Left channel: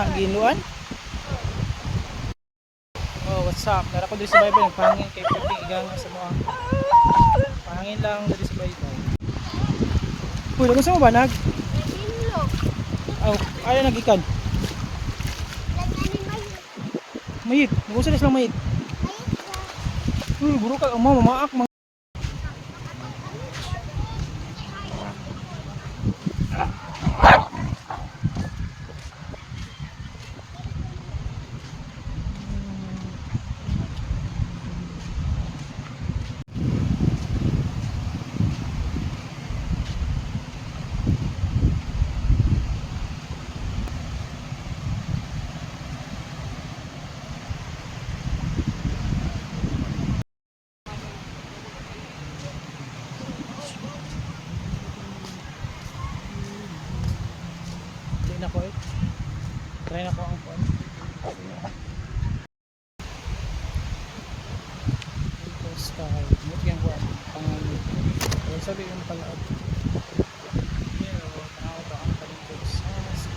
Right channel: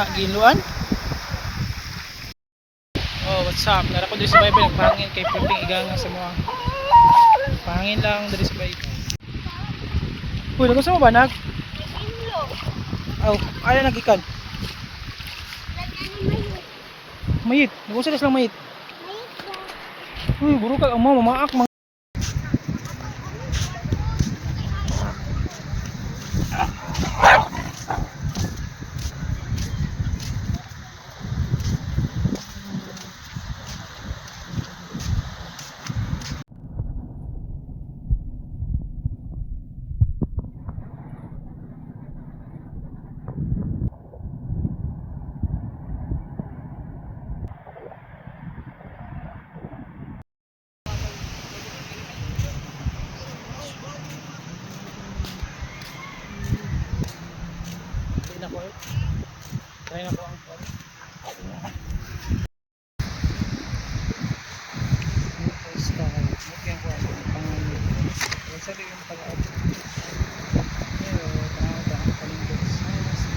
na giluan. Oh, what's up? Nara ko diri sa Bible nagpahangin kay Piping iganga sa mga. Pahangin lang diri sa Bible. Uy, nagusto mo ba nag? Aw, ayaw nagikan. Mayit, nagusto na silang mayit. Uy, buro ka mo mamaak mga. Na ko eh. Try na ko ang phone. Ito sky. Mugyan ko ang pangalan. Wala sabi yung palaad. Pero tanaw to ang palingkod sa sea.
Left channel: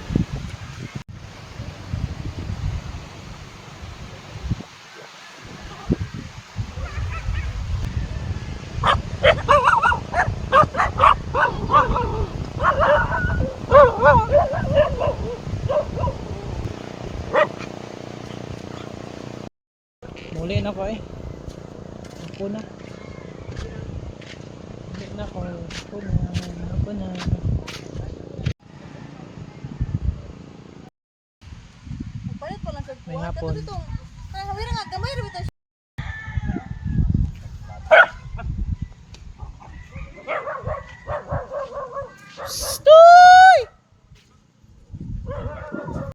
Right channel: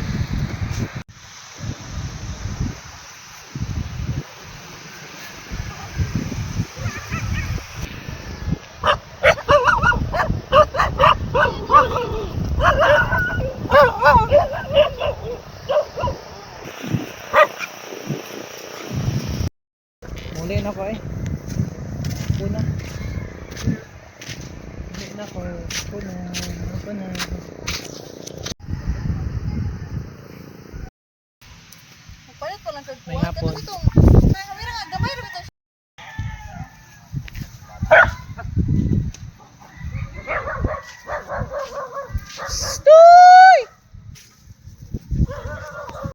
Muli na ko eh. Puno. Muli na ko. Puno. Puno. Palit ko lang sa May hapon. May hawira nga gamay ra bitaw.